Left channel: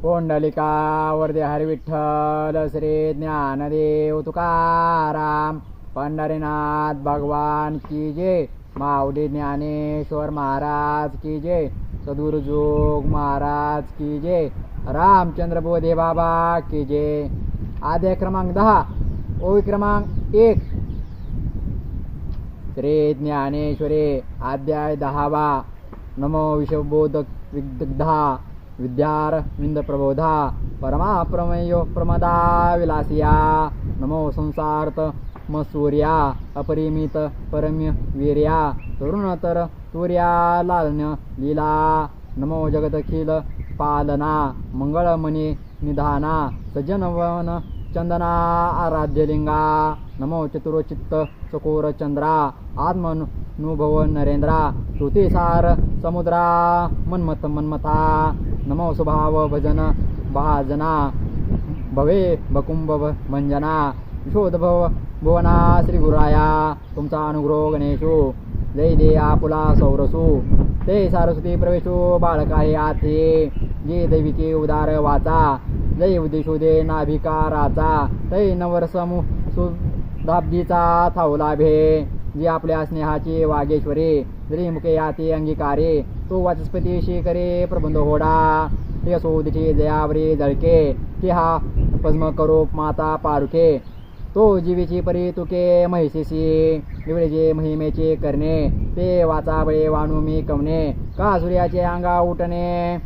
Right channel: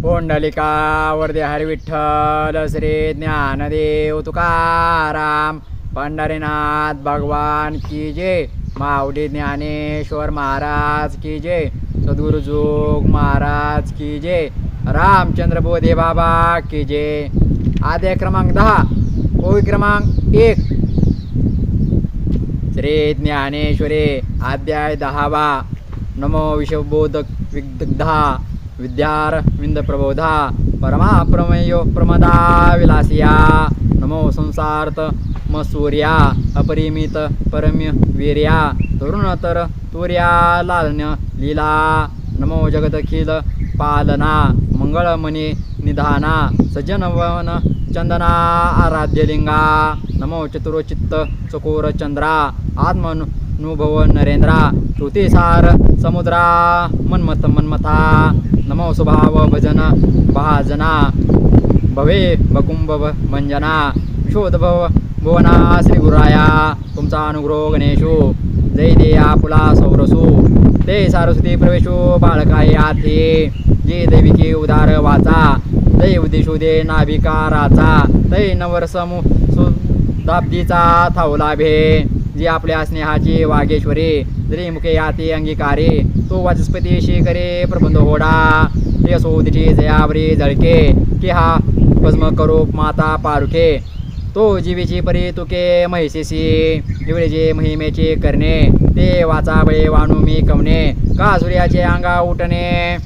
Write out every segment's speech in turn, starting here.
पोंडलिका वरदे हरी विठ्ठल श्री ज्ञानदेव तुकाराम पंढरीनाथ भगवान की जय माऊली ज्ञानेश्वर महाराज की जय सद्गुरुजोग महाराज की जय रामचंद्र बोधे बाबा की जय. आद्य क्रमांक दहा ओवी क्रमांक एक. श्री ज्ञानेश्वरे अध्याय दहावा. नमो विषबोधक विदग्धा विद्यारविंद प्रबोधा परमाप्रमेयो प्रमदा विलासिया। नमो संसार्थ मसूर्या अपरिमित परम्य वीर्या तरुणतर तुर्या लालन्य लीला। नमो जगदखिल पालना मंगळमणी निधाना सज्जनवन चंदना आराध्यलिंगा। नमो चतुरचित्त चकोर चंद्रा आत्मनुभव नरेंद्रा श्रुतिसार समुद्रा मन्मथ मन्मथा नमो स्वभाव भजन भाजना भवे बकुंभ मंजना विशोधभव भुवना श्री गुराया तुमचा अनुग्रह गणेशो। जय देया पुला सौरसू। ते सारस्वती प्रवेशो बाळकाय आथे। जे दैविके उदार वाचा दै उद्देशो दे नाभिकाराचा। तै नवरसमु सुदाब्दीचा थावला भे जी आपल्या स्नेहाची वागेश्वरी मुखे याते अंगीकारे तो वाचस्पती शेखरे प्रबंध होडा ते सोदिठी जयावरी जळके कि हा पद्म करो माता पारुखे. तो जीवेची परी तुके महिषेसी निवडेचे महिमेचे करणे ते वाचा बळे वाणू मी कवणे का सूर्याचे अंगा उठणे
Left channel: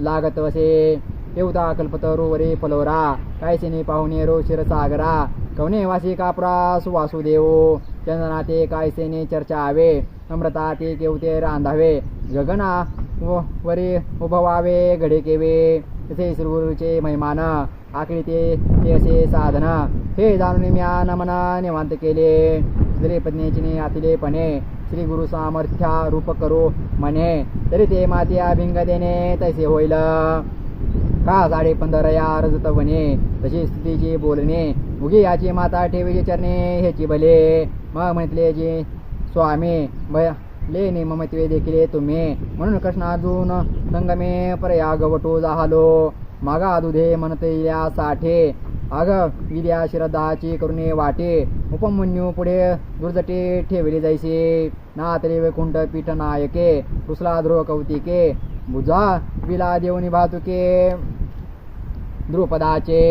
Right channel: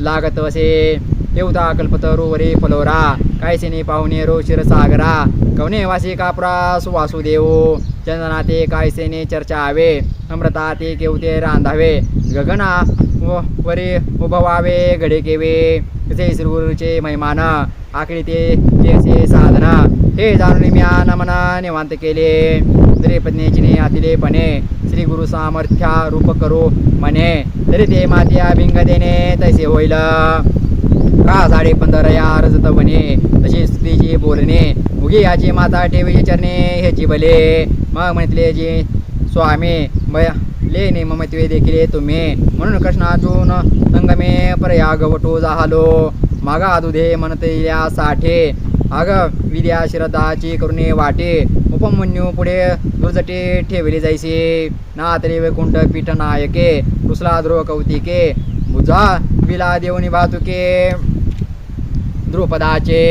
लागत असे. देवता कल्पतरुवरी फलोरा कायसेने पाहुणे रो शिरसागरा कवने वासी कापरा सुवासुदेव चंदनाते कायसेने चर्चा आवे अमृता ते केवते रांधावे गगना व वरी उभवावे घडे केवे तसे श्रीगुरूचे महिमान आखरी ते असे साधन हे जाणून मी नमना निवांत केले. जरी पत्नीची आतिलेपणे श्री गुरु सामर्थ्या रूप करो म्हणे तरी ते मात्या भिंग देणे तसे होईल. का साडे पंधरा या रजत बने तशी स्त्रीची बोलणे उगी याची माता ठेवीची चरणे ह्याची भले मग म्हटले जे स्वामी ब लेने ममत्वे देखील तुम्ही। म्हणून कृष्णार्जुन संगमे प्रयाग वटो जाहालो। मागा दुधे म्हणते या साठे। अग विद्या श्रद्धाची करुणे वाटे। उपमन्यू पुढे दुर्जटे ठेवले जायचे। नातरे वैकुंठ पीठ नायके रुसला ध्रुव कौतिके। बुजा विला देवनी वाहतुके। द्रुपदाचे।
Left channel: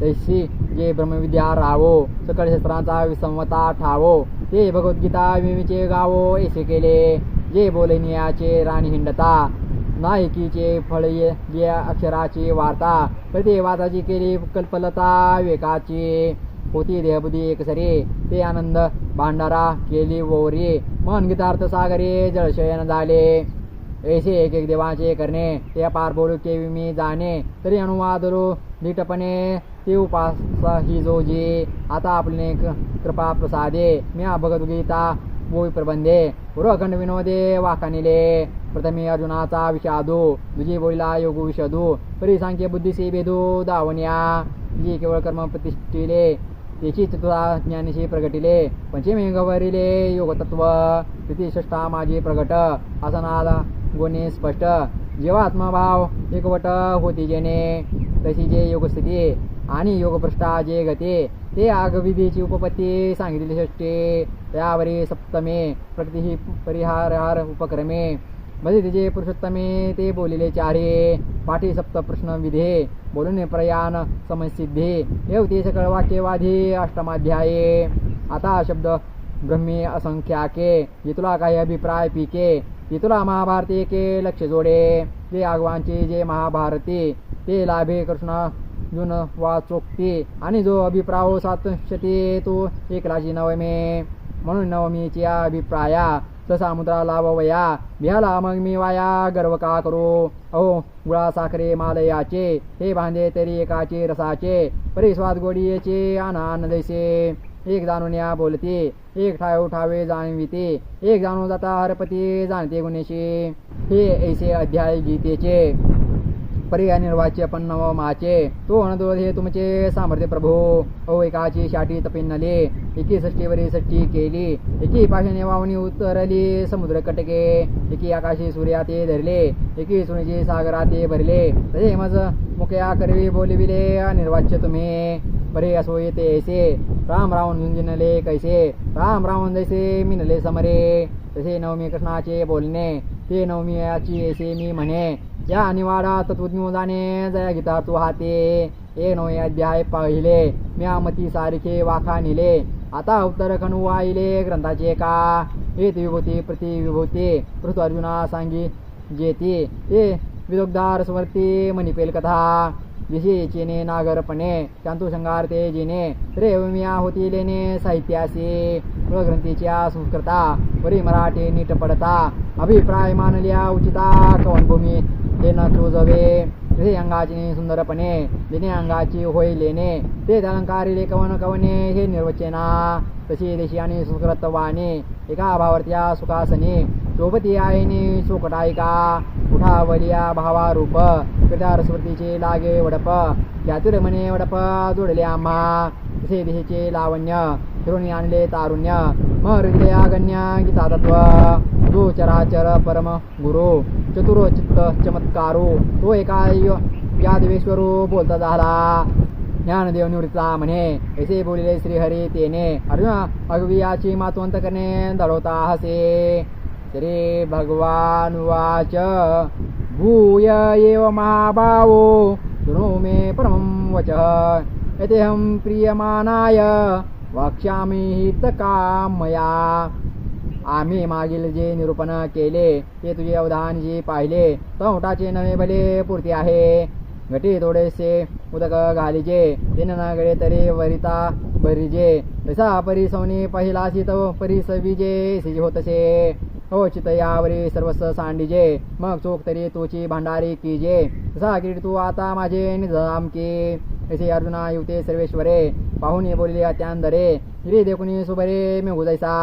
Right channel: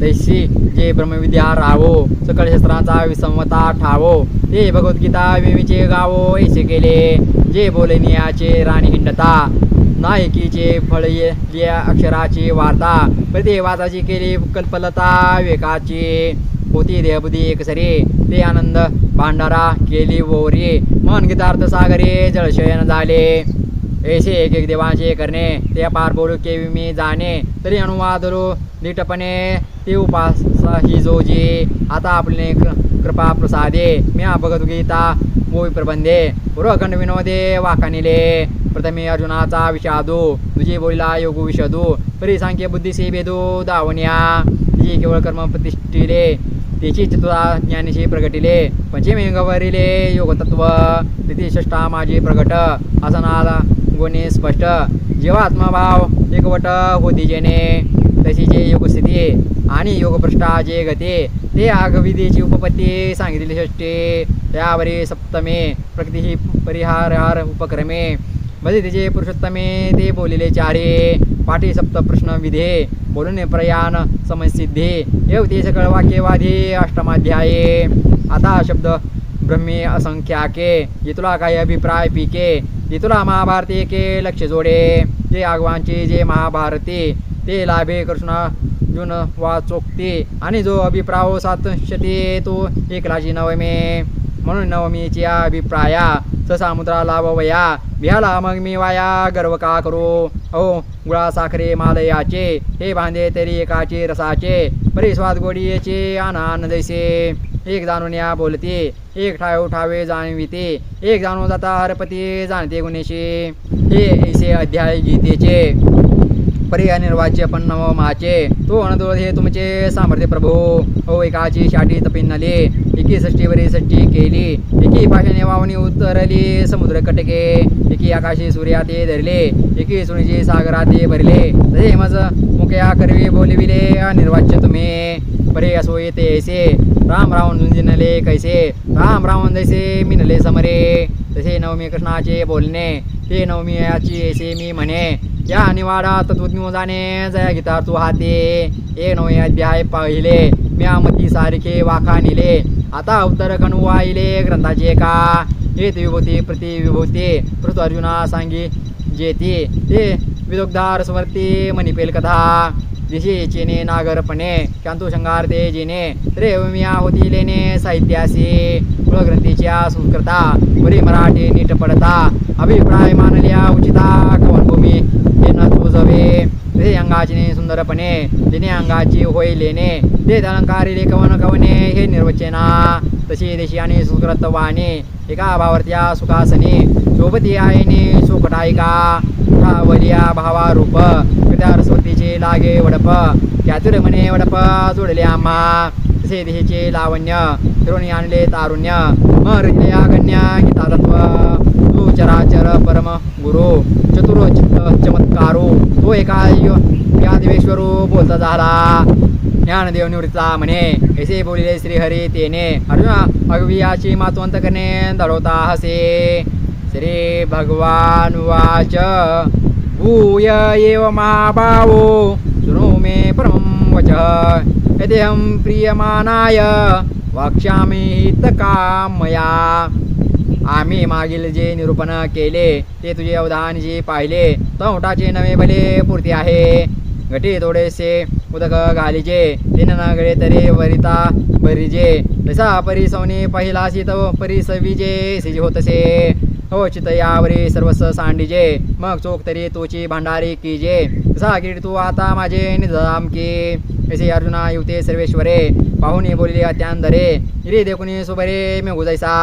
दैसी जे ब्रह्मविद्या रावो सकळ शस्त्रांचा विसमता ठावो। ते भगवद्गीता विमीचे गावो ऐसे केले. जे बोलनियाचे राणी हिंडता. नायकीचे फळ लिया अक्षराची वार्ता. प्रतिवाचाची केली कल्पलता वेकाची होती देहबुद्धी एकसरी ते आनंद भांडारा केली वोरी. मन गीतार्थ सागरे जळशयन झाले. ऐसे एक एक देवांचे करणे ते पार बोलू केवी मी जाणे तरी अनुवादलो नीटपणे ते उपास ही जोजी आता आपले कृ- कृपा प्रसादे मी भगवद्गीता मोवी प्रबंधे पूर्वखंड विनोदे वाकानिले प्रथमे अर्जुनाचा विषादू तुझी बोलिला योगू विषदू परी सांख्य बुद्धीसे भेदू दावण्या तिची केवळ कर्म प्रतिष्ठिले तिची चतुरा ज्ञानीशी प्रगटिले पंचमी गवरिले योगतत्व तिथे षष्टा माझी प्रगट आसनाला गुणे स्पष्ट. जेव्हा आत्मभाव एकवट होती जेने तशी जे योगस्थिती आणि योगभ्रष्टा जे गते ते आगविधीची उपपत्ती सांगितली षष्टी त्यावरी सप्तमे प्रकृती ही परिहार उपक्रमे. म्हणजे तिचे पुरुषोत्तमे ते बोलिले चारे. पाठी सप्त प्रश्न विधे बोलून प्रयाण समसिद्धी. येवते सकळ वाक्यवाधी अष्टमाध्याये. आता शब्द ब्रह्मी असंख्याके जे तुला काही अभिप्राय पिके येतुला महाभारती के लक्ष जोडे. जे आगवांचे जे महाभारती ते लाभे कृष्ण जुन चोखते आणि जो अभिप्राय हो सातशते तो एकलाची नवमे. म्हणून नवमीच्या अभिप्राया समुद्रा लाभवया. बिहाला मग मी वाया गर्व का करू? अहो गुळा साखरे मालयाचे हे बांधे तरी एकाचे रसाचे. परी स्वाद गोडीचे आनंद जैसे. एक जाणून या बोलते एक ठाव ठावे जाणविते एक जाणून जाता हरपती जाणते गुणेशी. हे ऐसे अध्याय गीतेचे. परी अनिर्वाच्य पण माचे. तो अनदोळ हे तुमचे सामर्थ्य प्रभू. ओ हो एकाची शाटी तपिन्नले एकी षष्टीवरी षष्टी केली एकी पाशाने वावणी उतरली समुद्र कटके एकी आकाशी सूर्या ते धरले एकी सुनीची सागरा ते भरले. तसे मज मुख्या करवी बोलविले अनिर्वाच्य तुम्ही. परे असो येते ऐसे. राम रावण झुंजिनले कैसे? राम रावण जैसे मिनले समरे तसे नवमी कृष्णाचे बोलणे ते नवमी याची ऐसे मी म्हणे. या निवाडा तत्वज्ञ जाणे जया गीता तू हाते. हे नवमी अध्याय पाहिले म्या मती सारखे वाखा निले. आता उत्तर वाहिले ग्रंथाचे का? हे विभूती प्रति विभूती पृथ्वी अर्जुना सांगी जेती. ते विदोगदार स्मरती मणिपेल कथा. दिशी चेने नागरपणे शांतू शंगार ते जिने रे होती लेने साहित्यासी कुळग्रंथीच्या संस्कृता बरी मराठी नीट पडता अभिप्राय मानल्या उचिता कवनभूमी हे न तुजवे ते अंगाची सुंदरपणे जिने अंगाची होय लेणे ते अलंकारिले कवन कवने हे निर्वचना तशी देशी आणि सुकृत वाहने एका भावार्थ्या सुखासने शोभती आईने सुखटायिका उठावलिया भावा रूप कृत्या सरस्वतीचे लागे वडप चातुर म्हणे वडप जोडले आम्हा. तसे देशीचे लावण्य फिरून आणले तारुण्य मृत्या गण्य गीता तत्व तू चराचर परम गुरु चतुर चित्त चमत्कारो तो एका य- या देवेश्वरू बोलता झाला. ज्ञानदेव निवृत्ता म्हणे ऐसे बोलिले श्रीहरी तेने। अर्जुना अगवियाची मातवंत करणे। दडवता हसे। श्री भगवान वाच भूय एव महाभावो। शृणु मे परमं वच। यदेहं प्रियमानाय। वक्ष्यामि हितकामया। आम्ही मागील जे निरूपण केले ते तुझे अवधान जे पाहिले तोटाचे नवे भले पूर्ती आहे। घटी थोडेसे उदक घालीचे तीन गळे तरी वरिता बरीजे तसा परिसवनी पहिला सीत परिसवीजे सिजी होतसे. हो चित यावरी सर्वस सांडीजे. मग चोख तरी तुची भांडारी कीजे. तसा किरीट तू आता माझे निजाम की. ऐसे अर्जुना युते सर्वेश्वरे. पाहुणे बोलले अत्यांदरे हिरे देखुनी सुबरे मी गुजायसा.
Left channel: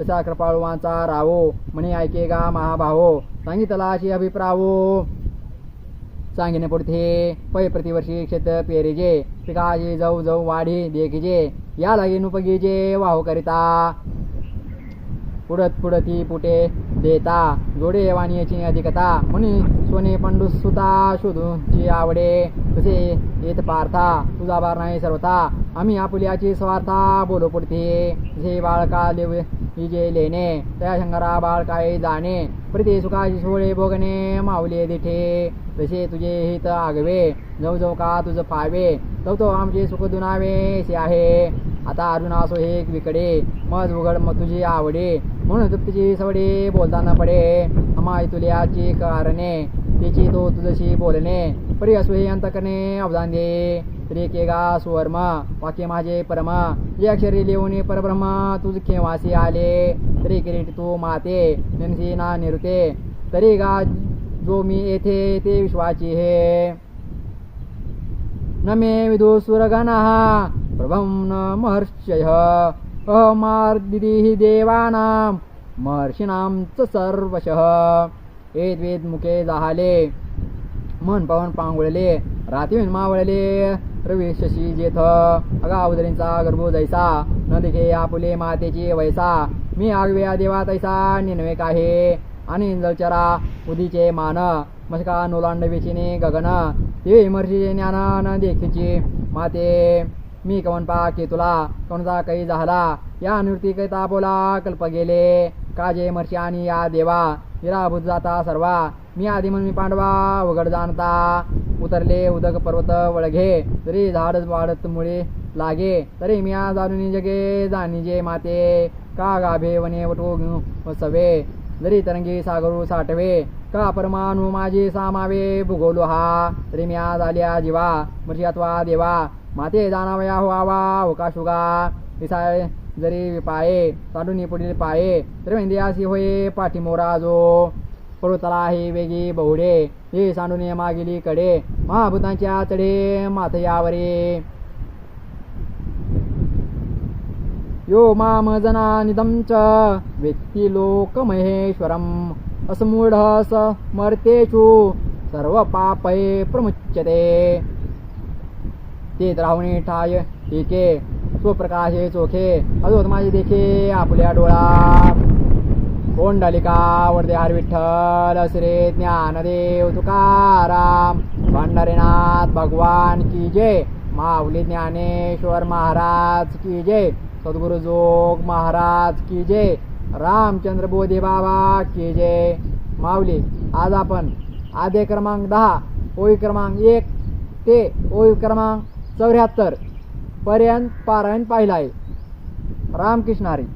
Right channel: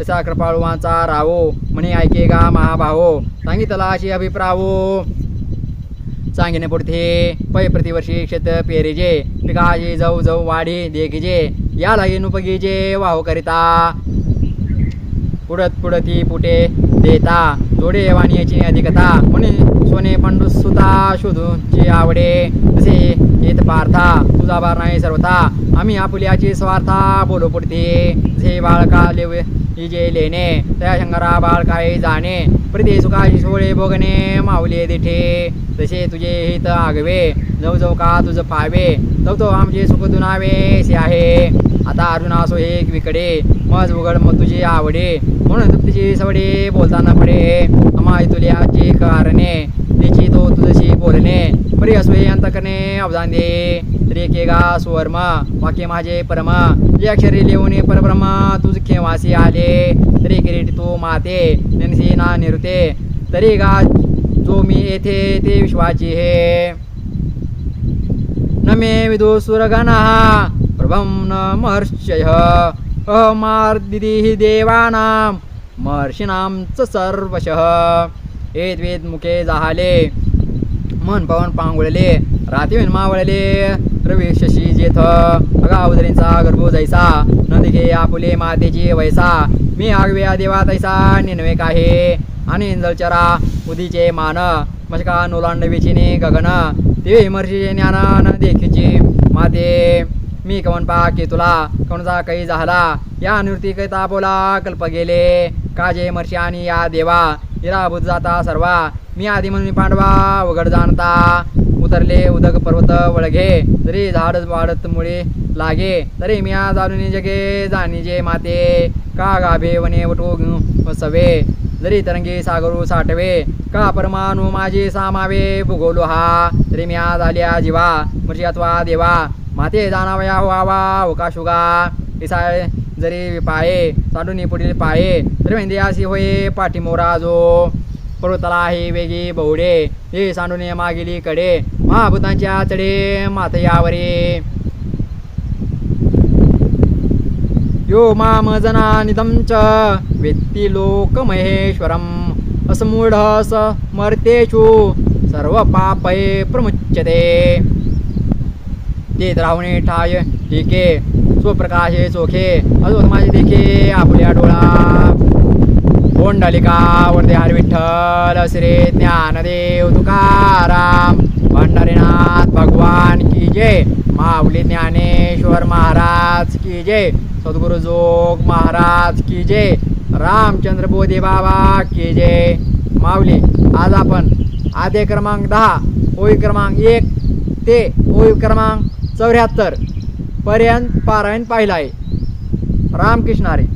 तसा कृपाळुवांचा रावो. म्हणे ऐके गा महाभावो. सांगितला अशी अभिप्रावो. सांगिने पुढते पै प्रतिवर्षी शेत पेरीजे. पिकाची जाऊ जाऊ वाढी देखीजे या लागे नुपगीजे. वाहू करिता. पुढत पुढती पुटे देता. जोडे याची अधिकता. म्हणून सोने पंडू सुता शोधूची आवडे तसे येत पार्था. तुझा बार नाही सर्वथा. आम्ही आपुल्याची स्वार्था बोलो पुढते जे बाळका लेव जे लेणे त्या शंकरा बाळकाई जाणे. प्रति सुखाची सोळे भोगणे माऊले देठे. तसे तुझे हित आगवे. जाऊ जाऊ का तुझं पावे. तव तो आमचे सुख दुनावे से आहे. आता अर्जुन असो हे विकडे मज उघड मग तुझी आवडे. म्हणून तुझी सवडे बोलताना पडे. अमाय तुल्याची कारणे तिची तो तुझशी बोलणे. परी असो हे अंतकने अवधान दे. तरी के गा सुवर्म वाक्य माझे परम. जे अक्षरी लिहून परब्रह्म तुझ खेवासी आले. तरी किरीट तू माते नेनसी ना निरुते. तरी गा जो मी येथे ते विश्वाची हे. न मे विदो सुरगणः न महर्षयः अहमार्दिदिः देवानां महर्षीणां च सर्वशः। एद्वेद मुखे जाहाले। मन पवन पांगुळले रात्री मावळले रवी शशी जेथ। अगावधरींचा गर्भो जैसा नंदिके आपुले मातेची वैसा मी आगव्या देवा तैसा निनवे काहे। आणि इंजलचरा उदीचे मान। मशका नोलांडवीचिने गगन। ते विमर्शीचे ज्ञान न देखीची माते। मी कवन पा की तुला कोणता काही झाला. या निवृत्ती बोला कल्प गेले. काजे मर्षी आणि या देवा इराभूत जाता सर्वा. मी आधी म्हणून पांडवा उघड जाणता. उतरले उदक पर्वत वळघे. तरी झाड वाढत मुळे लागे तरी मी जाणून जगे जाणीजे माते. का गाभे वने वटो सवे जरी तरंगी सागरू साठवे का परमाणू माझी सामावे भूगोलो हा. तरी मी आज आल्या जीवा मर्जी अथवा देवा. माते जाणावया व्हावा होकाशुगा इसाय जरी विपाये चाडून पुढील पाये तरी मेंदी अशी होये पाठीमोरा जो पर्वताला हे वेगी बहुडे हे सांडून मागेली कडे महाभूतांच्या चढे मातयावरे यो माम जना निदमच च लोक महेश्वरम असमूढ स सर्व पापये प्रमुच्यते. ते द्रावणे ठाय टीके स्वप्रकाशे चोखे अजून माझे देखे आपल्या डोळा कोंडलिका वरदेहार विठ्ठल श्री ज्ञानदेव तुकाराम भंडारीनाथ भगवान की जय. माऊली ज्ञानेश्वर महाराज की जय. सद्गुरु जोग महाराज की जय. रामचंद्र बोधे बाबा की जय. माऊली आज आपण आद्य क्रमांक दहा ओळी क्रमांक एक ते ओळी क्रमांक चौऱ्याहत्तर पर्यंत पारायण पाहिलं आहे. रामकृष्ण हरी.